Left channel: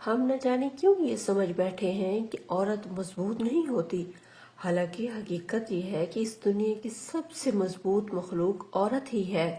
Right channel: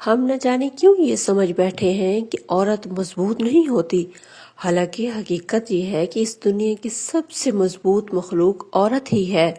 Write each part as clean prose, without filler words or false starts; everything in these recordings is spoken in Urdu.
ہم نہ جانے کیوں یہ سمجھ بیٹھے ہیں کہ عورت مضبوط نہیں ہوتی، حالانکہ حقیقت یہ ہے کہ اس دنیا کی سب سے مضبوط مخلوق عورت ہی ہے۔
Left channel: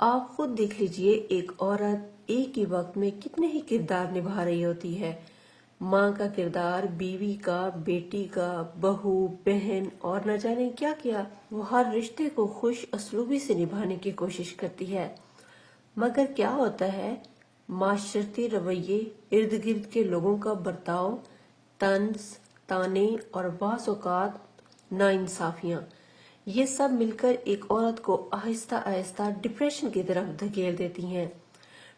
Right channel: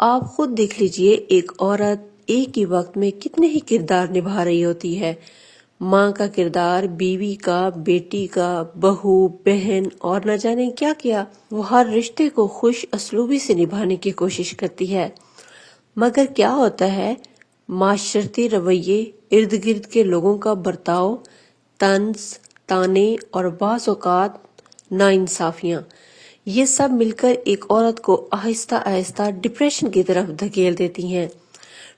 آپ خود دیکھ لیجئے، ایک عورت ایک ہی وقت میں کتنے ہی کردار نبھا رہی ہوتی ہے۔ ماں کا کردار، بیوی کا، بیٹی کا، بہو، بہن اور نہ جانے کیا کیا۔ وہ ہر رشتے کو خوش اسلوبی سے نبھانے کی کوشش کرتی ہے، مگر کیا ہوتا ہے؟ معاشرتی رویے، ارد گرد کے لوگوں کا برتاؤ، طنز، طعنے اور بعض اوقات ناانصافیاں، یہ سب مل کر ایک عورت کو آہستہ آہستہ ڈپریشن کی طرف دھکیل دیتی ہیں۔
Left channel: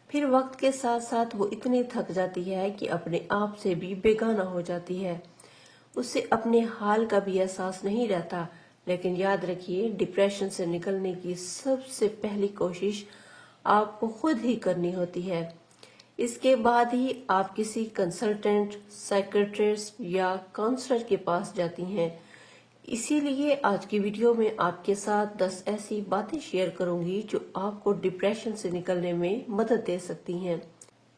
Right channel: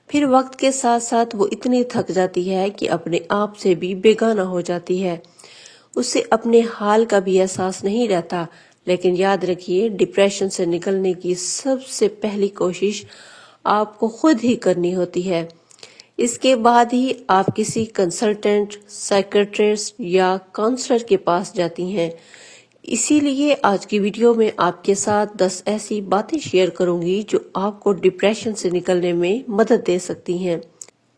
پھر وقت کے ساتھ ساتھ وہ اتنی تھک جاتی ہے کہ اپنے آپ سے بھی بیگانہ ہو جاتی ہے، اسے اپنے حال کا بھی احساس نہیں رہتا۔ لیکن یاد رکھیے، ڈپریشن سے نکلنے کی سب سے پہلی کوشش آپ کو خود ہی کرنی ہوتی ہے۔ اس کے بعد ہی آپ کسی کنسلٹنٹ، سائیکٹرسٹ یا کاؤنسلر کے پاس جاتی ہیں۔ اسی لیے آج کی ویڈیو میں آپ کے ساتھ 10 ایسی باتیں شیئر کروں گی جو آپ کو ڈپریشن سے نکلنے میں مدد دے سکتی ہیں۔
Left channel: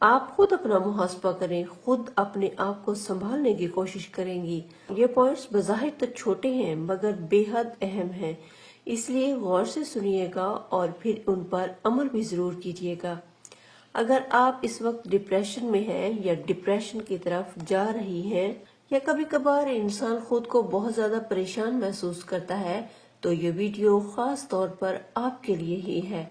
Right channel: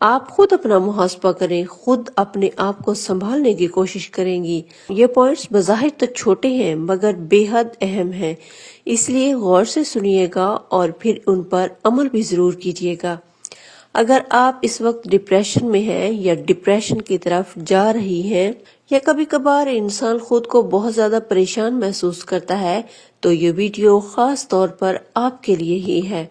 آپ خود اپنا محاسبہ کریں، خود اپنے آپ کو سنبھالنے کی کوشش کریں گی۔ یہ پوائنٹس بظاہر تو چھوٹے ہیں مگر بے حد اہم ہیں، اس لیے غور سے سنیے گا اور پھر ان پر عمل بھی ضرور کیجیے گا۔ اگر آپ اس وقت ڈپریشن میں ہیں یا ڈپریشن کی طرف جا رہی ہیں، یا کبھی کبھار انسان خود کو بہت زیادہ پریشان محسوس کرتا ہے، تو یہ ویڈیو خاص طور پر آپ کے لیے ہی ہے۔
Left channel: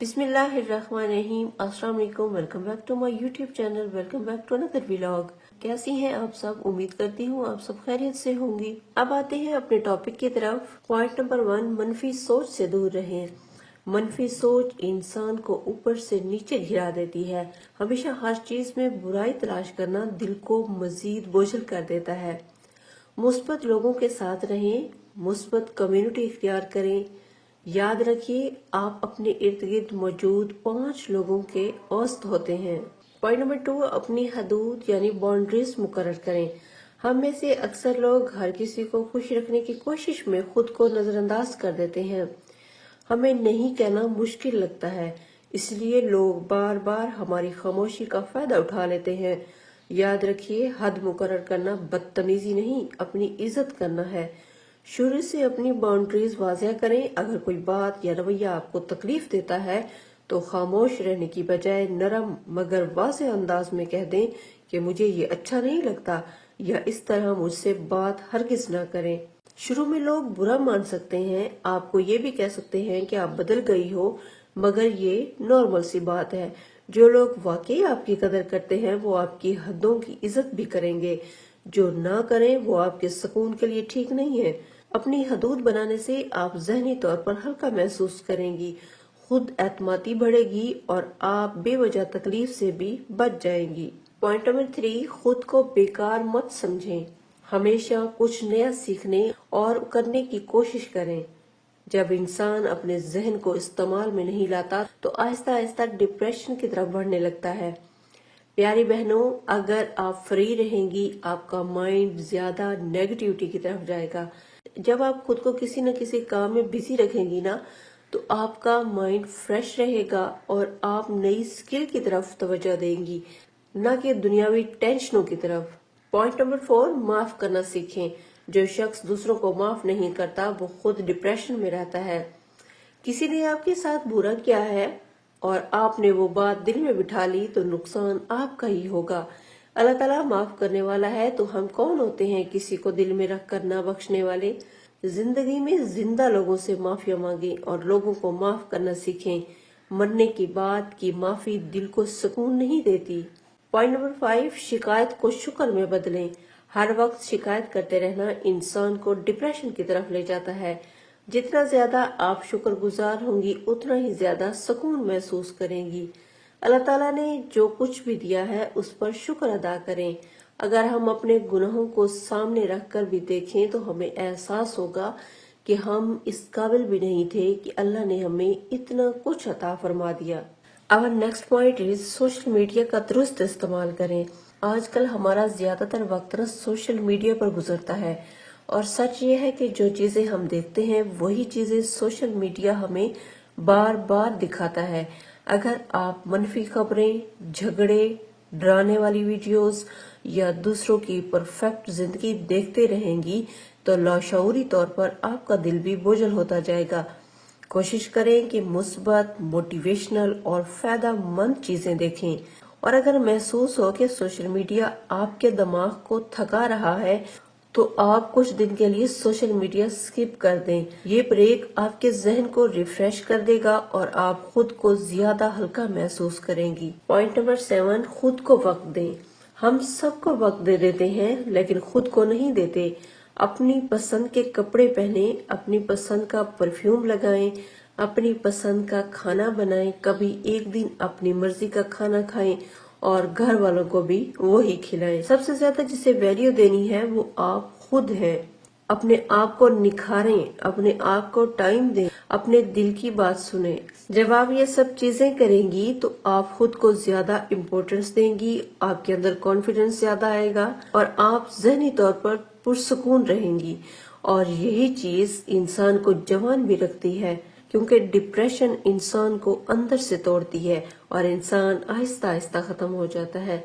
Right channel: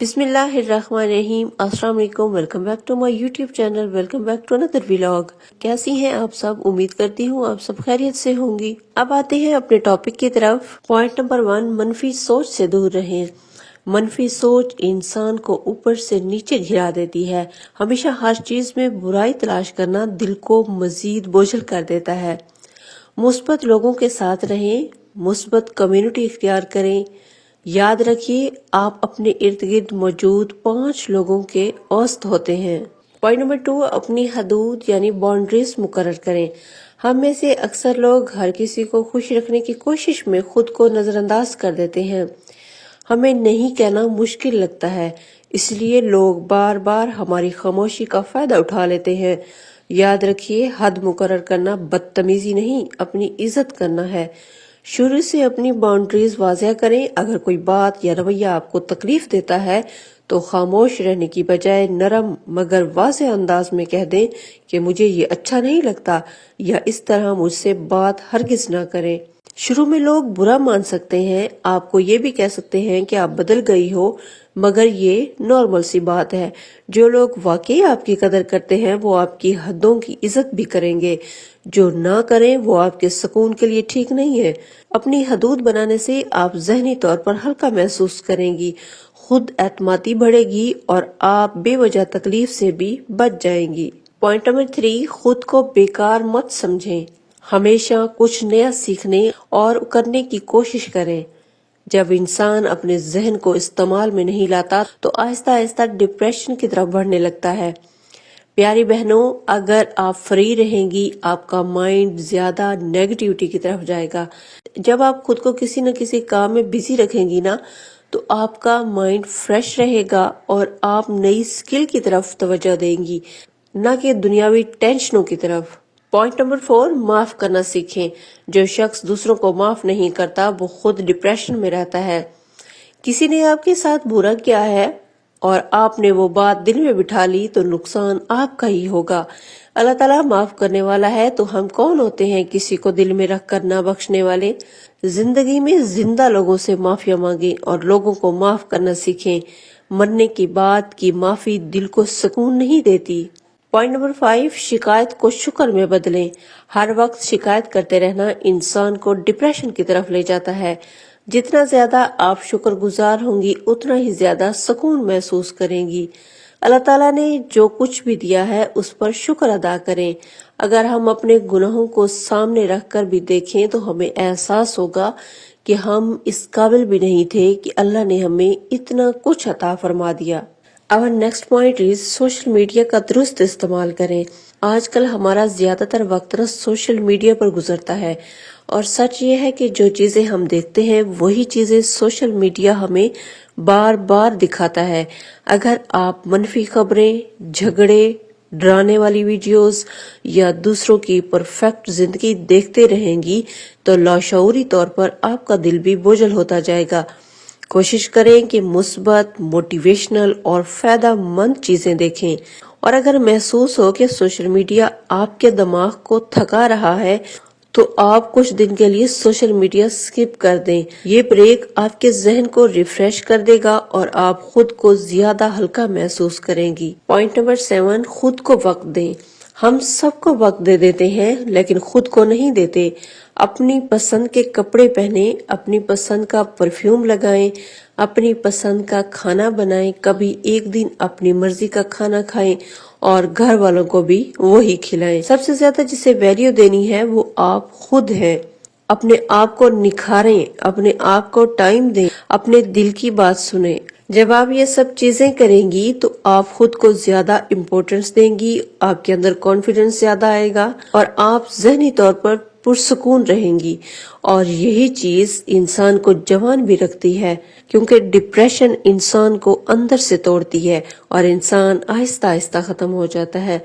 بسم اللہ الرحمن الرحیم۔ السلام علیکم، welcome back to my YouTube channel, welcome back to another vlog. کیسی ہیں آپ سب؟ امید کرتی ہوں آپ سب خیریت سے ہوں گی۔ اب آتے ہیں اپنے ٹاپک کی طرف۔ پوائنٹ نمبر 1، منفی سوچ سے دور رہیں۔ منفی سوچ انسان کو اوپر سے نیچے گرا دیتی ہے۔ ہمیشہ ہر چیز میں برائی تلاش کرنا دل کو مزید بوجھل کر دیتا ہے۔ مثبت لوگوں کے ساتھ رہیں، مثبت کمیونٹی اختیار کریں۔ یاد رکھیے، آپ اپنے ارد گرد موجود 5 لوگوں کے اوسط ہوتے ہیں۔ پوائنٹ نمبر 2، اپنی حدود یعنی باؤنڈریز مقرر کریں۔ ہم میں سے اکثر لوگ ہر کسی کو خوش رکھنے کی کوشش میں خود کو نظر انداز کر دیتے ہیں۔ ہمیں نہیں کہنا مشکل لگتا ہے، اس لیے لوگ بار بار ہماری خاموشی کا فائدہ اٹھا لیتے ہیں۔ یاد رکھیے، حد مقرر کرنا بدتمیزی نہیں، اپنی عزت کرنا ہے۔ شروع سے اپنی باؤنڈریز واضح کریں۔ اگر کوئی بات یا رویہ آپ کو تکلیف دیتا ہے تو خاموش رہنے کی بجائے نرم مگر واضح انداز میں کہہ دیں کہ مجھے یہ اچھا نہیں لگتا، یا اس طرح مجھ سے بات ہرگز نہ کریں۔ شروع میں لوگ برا مان سکتے ہیں، آپ کو یہ بھی کہہ سکتے ہیں کہ آپ بدل گئی ہو، مگر یہ نارمل سی بات ہے۔ جو لوگ واقعی آپ کی قدر کرتے ہیں وہ آپ کی حدوں کی عزت بھی کریں گے، جو نہ کریں وہ آپ کے سکون کے لیے ٹھیک نہیں ہے۔ اپنی حدود بنانے سے آپ ذہنی طور پر ہلکا محسوس کریں گی، خود اعتمادی بڑھے گی اور آپ بے وجہ تکلیف سے بھی بچ جائیں گی۔ پوائنٹ نمبر 3، خود کو بیکار مت سمجھیں۔ ہمیشہ کچھ نیا سیکھنے اور کرنے کی کوشش کریں۔ جب انسان اپنے ذہن کو استعمال میں نہیں لاتا تو آہستہ آہستہ ڈپریشن کی طرف بڑھنے لگتا ہے۔ پیاری بہنوں، اگر آپ فری رہیں گی، آپ کا مائنڈ زیادہ نیگیٹیوٹی کی طرف جائے گا۔ جب آپ خود کو کسی نہ کسی کام میں بزی رکھیں گی نا، تو آپ کا مائنڈ فریش رہے گا اور آپ نئی سکل کی طرف توجہ دیں گی، نہ کہ دنیاوی ٹینشنوں کی طرف۔ پوائنٹ نمبر 4، معاف کرنا سیکھیں۔ جو شخص دوسروں کو معاف نہیں کرتا وہ خود ڈپریشن میں رہتا ہے۔ کسی نے آپ کے ساتھ برا کیا ہے اور آپ نے وہ بات دل میں بٹھا لی تو نقصان آپ کا ہی ہوگا۔ اللہ تعالیٰ معاف کرنے والا ہے، تو ہم کون ہوتے ہیں کسی کو دل میں رکھ کر نہ بخشنے والے۔ زندگی میں زندہ لوگوں سے معافیا مانگیں اور لوگوں کو معاف کرنا سیکھیں۔ مرنے کی بات کی معافی دل کو سکون نہیں دیتی۔ پوائنٹ نمبر 5، شکایت کو شکر میں بدلیں۔ ہر وقت شکایت کرتے رہنا انسان کو ڈپریشن کی طرف لے جاتا ہے۔ جتنا زیادہ آپ شکر گزار ہوں گی اتنا ہی زیادہ سکون محسوس کریں گی۔ اللہ تعالیٰ نے جو کچھ بھی دیا ہے اس پر شکر ادا کریں۔ اگر ہم اپنے گناہوں کو سامنے رکھ کر بھی دیکھیں تو ہمیں احساس ہوگا کہ ہم اس قابل بھی نہیں تھے کہ اللہ نے ہمیں اتنا کچھ عطا فرما دیا۔ اور next point is, social media کا درست استعمال کریں۔ آج کل ہمارا زیادہ تر وقت سوشل میڈیا پر گزرتا ہے، اور سچ یہ ہے کہ جو چیزیں ہم دیکھتے ہیں وہی چیزیں سوشل میڈیا ہمیں بار بار دکھاتا ہے۔ اگر آپ منفی خبریں، جھگڑے، ڈرانے والی ویڈیوز یا دوسروں کی پرفیکٹ زندگی دیکھتے رہیں گی تو لاشعوری طور پر آپ کا دل بھی بوجھل ہوتا جائے گا۔ کوشش کریں کہ مثبت، موٹیویشنل اور فائدہ مند چیزیں دیکھیں، اور اگر محسوس ہو کہ سوشل میڈیا آپ کے دماغ کو تھکا رہا ہے تو آپ کچھ دن کے لیے سوشل میڈیا سکپ کر دیں۔ یہ بریک آپ کے ذہن کو ریفریش کر دے گا اور آپ خود کو زیادہ ہلکا محسوس کریں گی۔ پوائنٹ نمبر 7، خود کو وقت دیں۔ ہم سب کو وقت دے دیتے ہیں لیکن خود کو نہیں دیتے۔ اپنی پسند کے کپڑے پہنیں، اپنی پسند کا پرفیوم لگائیں، اپنی پسند کا کھانا بنائیں، کبھی ایک دن اپنی مرضی کا کھانا کھائیں اور گھر والوں کو بھی وہی کھلائیں۔ سب سے زیادہ جسے ویلیو دینی ہے وہ آپ خود ہیں۔ اپنے آپ کو نکھاریں، اپنے آپ کو ٹائم دیں، اپنے دل کی بات سنیں۔ جب آپ یہ سب چیزیں کریں گی تو آپ خود کو زیادہ امپورٹنس دیں گی، آپ کے اندر کانفیڈنس زیادہ آئے گا اور آپ ذہنی طور پر پرسکون رہیں گی، اور یہی چیز انسان کو جوان بھی رکھتی ہے، کیونکہ ڈپریشن انسان کو اندر سے توڑتی ہے اور انسان آہستہ آہستہ ختم ہو جاتا ہے۔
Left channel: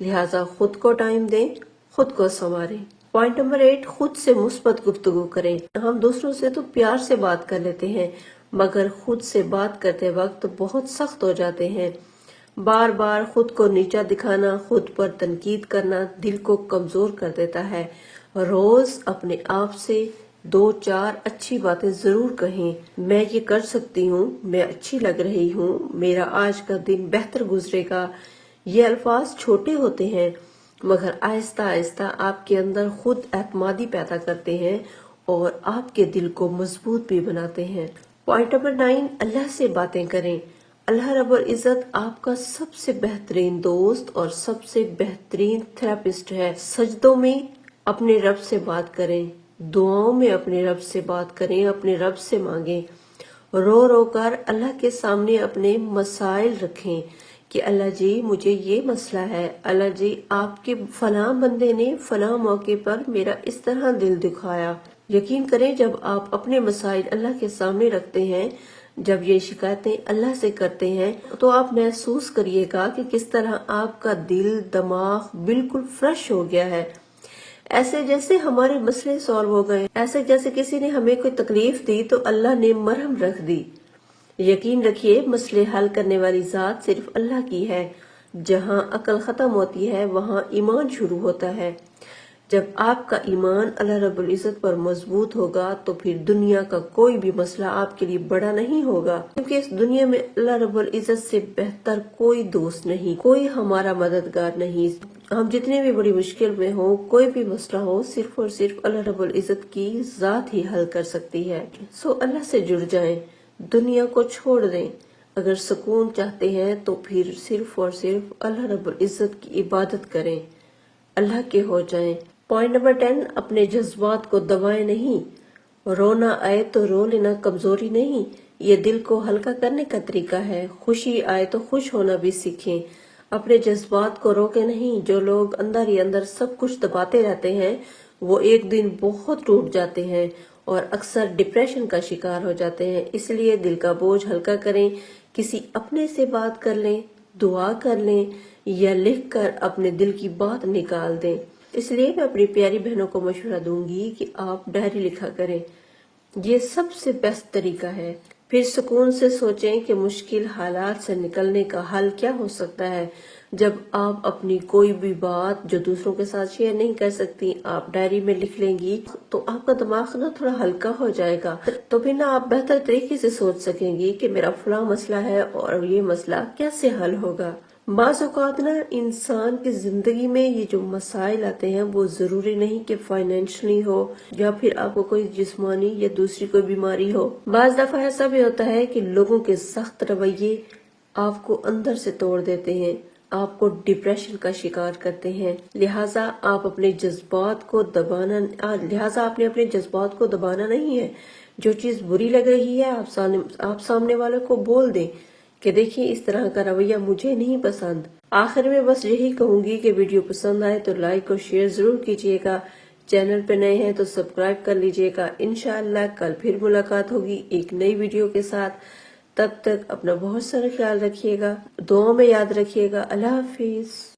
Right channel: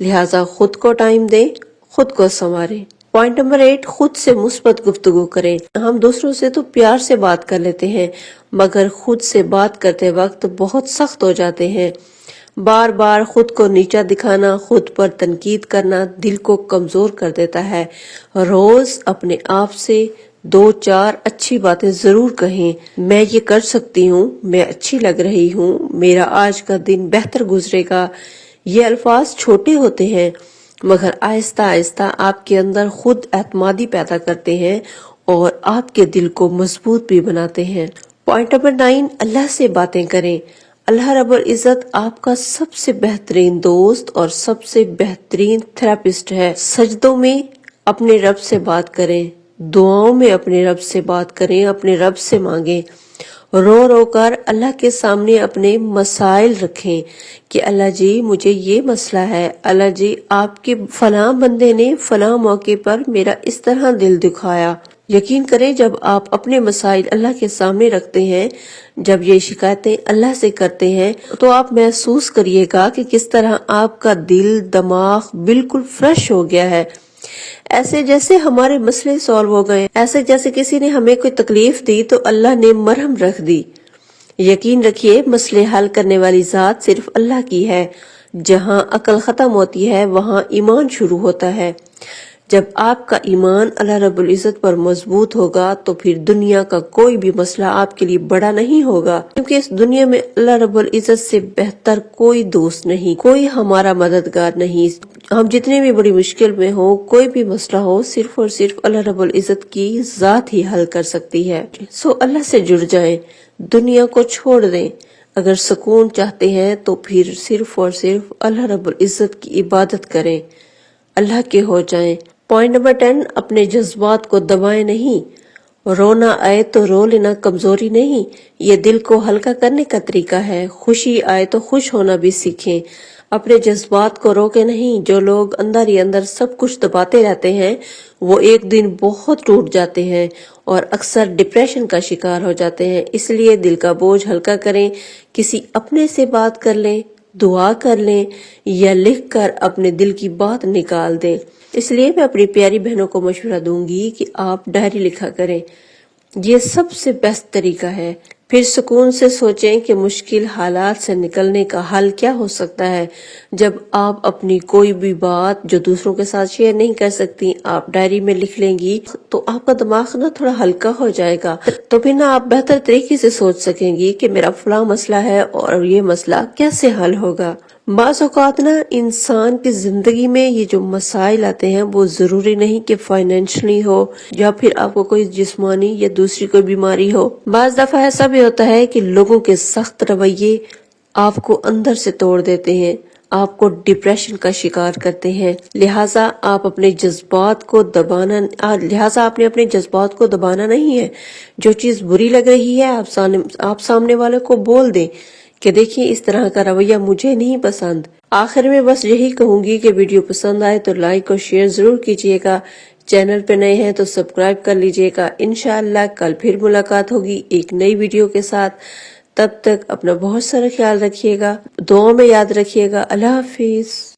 لہٰذا خود کو ٹائم دیں، خود کو سنواریں۔ پوائنٹ نمبر 8، خود سے مثبت گفتگو کریں۔ ہم دوسروں سے تو پیار سے بات کر لیتے ہیں مگر خود سے بات کرتے وقت بہت سخت ہو جاتے ہیں۔ بار بار خود کو نیچا دکھانا، خود پر تنقید کرنا دل کو کمزور کر دیتا ہے۔ روز اپنے آپ سے 2-4 اچھی باتیں ضرور کہیں۔ میں یہ کر سکتی ہوں، میں اچھی لگ رہی ہوں، میرا آج کا دن بہتر گزرے گا۔ یہ الفاظ چھوٹے ہوتے ہیں مگر آہستہ آہستہ آپ کے اندر خود اعتمادی پیدا کرتے ہیں اور آپ کے دل کو مضبوط بھی بناتے ہیں۔ پوائنٹ نمبر 9، اللہ سے باتیں کریں۔ اللہ رب العزت آپ کا سب سے بہترین دوست اور سب سے بہترین تھراپسٹ ہے۔ سجدوں میں اپنے رب سے بات کریں، دعاؤں میں اپنے رب سے بات کریں، اپنے رب سے مانگیں۔ رو رو کر اللہ کے سامنے اپنے مسائل رکھیں کہ اللہ جی مجھے یہ مسئلہ ہے، اللہ جی آپ کے فلاں بندے نے فلاں موقع پر میرا اس طرح دل دکھایا۔ یقین کریں جب آپ اپنے مسائل اللہ کے سامنے رکھتے ہیں، جب یہ شکایتیں اللہ سے کرتے ہیں تو آپ محسوس کریے گا کہ کس طرح آپ کا دل، دماغ بالکل فریش ہو گیا ہے، ایسے جیسے ہمارے مسئلے سالو ہو گئے، ایسے جیسے کسی نے ہمیں کوئی تکلیف دی تو اللہ نے مرہم رکھ دی۔ یقین رکھیے مسئلے حل کرنے والی ذات صرف اللہ کی ہے۔ جہاں عقل ختم ہوتی ہے وہاں ایمان شروع ہوتا ہے۔ جب آپ کا ایمان اللہ رب العزت پر مضبوط ہوگا تو پھر دنیا کا کوئی بھی مسئلہ آپ کے لیے بڑا نہیں ہوگا، کیونکہ اس دنیا میں اللہ رب العزت سے بہتر کوئی دوست نہیں، کوئی ہمارا مددگار نہیں۔ ہم جتنے بھی بڑی مشکل میں ہو، کوئی بھی مسئلہ ہو، صرف اور صرف اللہ رب العزت کی ذات ہی حل کر سکتی ہے۔ سو اللہ سے جڑ جائیں، دنیا کو چھوڑ دیں۔ اگر سکون چاہتے ہیں تو پھر صرف اور صرف اللہ رب العزت کی عبادت کریں، اللہ کے ہو جائیں۔ پوائنٹ نمبر 10، اپنے جذبات کو دبائیں نہیں۔ رونا آئے تو رو لینا کمزوری نہیں، یہ دل کو ہلکا کرنے کا طریقہ ہے۔ خوشی آئے تو خوش ہونا بھی سیکھیں، اپنے جذبات کو روکے نہیں۔ جو لوگ اندر ہی اندر سب کچھ دباتے رہتے ہیں وہ ایک دن بہت ٹوٹ جاتے ہیں اور اکثر ڈپریشن کا شکار ہو جاتے ہیں۔ اس لیے دل کا بوجھ ہلکا کریں، کسی اپنے سے بات کر لیں، دعا کر لیں یا لکھ کر اپنے دل کی بات نکال دیں۔ اس لیے میں اپنی پیاری بہنوں کو مشورہ دوں گی کہ آپ ڈائری لکھا کریں، یہ سب سے بیسٹ طریقہ ہے۔ پھر سکون سے سوچیں کہ مشکل حالات سے نکلنے کا حل کیا ہو سکتا ہے۔ جب آپ اپنی کوئی بھی بات جو دوسروں کے ساتھ شیئر نہیں کر سکتی آپ ڈائری میں لکھ لیں گی تو آپ کا دماغ تھوڑا ہلکا ہو جائے گا، تو پھر آپ بہتر طریقے سے سوچ سکیں گی کہ میرا فلاں مسئلہ ہے اور یہ مسئلہ کیسے حل ہوگا۔ بعض اوقات انسان کی زندگی میں یہ جو مسائل آتے ہیں وہ ضروری نہیں کہ فائنینشلی ہو یا پھر آپ کو کوئی جسمانی یا دوسری کوئی بیماری ہو۔ بعض دفعہ ایسا بھی ہوتا ہے کہ لوگوں کے سخت رویے آپ کو اندر سے توڑ دیتے ہیں، آپ کو ڈپریشن کا شکار کرتے ہیں۔ لہٰذا آپ نے اپنے جذبات کو دبانا نہیں ہے۔ جو چیز بری لگ رہی ہے آپ سامنے والے کو بول دیں کہ دیکھیں اس طرح کا رویہ مجھے نہیں پسند۔ آخر میں بس یہی کہوں گی کہ ویڈیو پسند آئے تو لائک اور شیئر ضرور کیجیے گا، چینل پہ نئے ہیں تو سبسکرائب کر لیجیے گا۔ انشاءاللہ کل پھر ملاقات ہوگی ایک نئی ویڈیو کے ساتھ۔ تب تک اپنا بہت سارا خیال رکھیے گا، دعاؤں میں یاد رکھیے گا۔ اللہ حافظ۔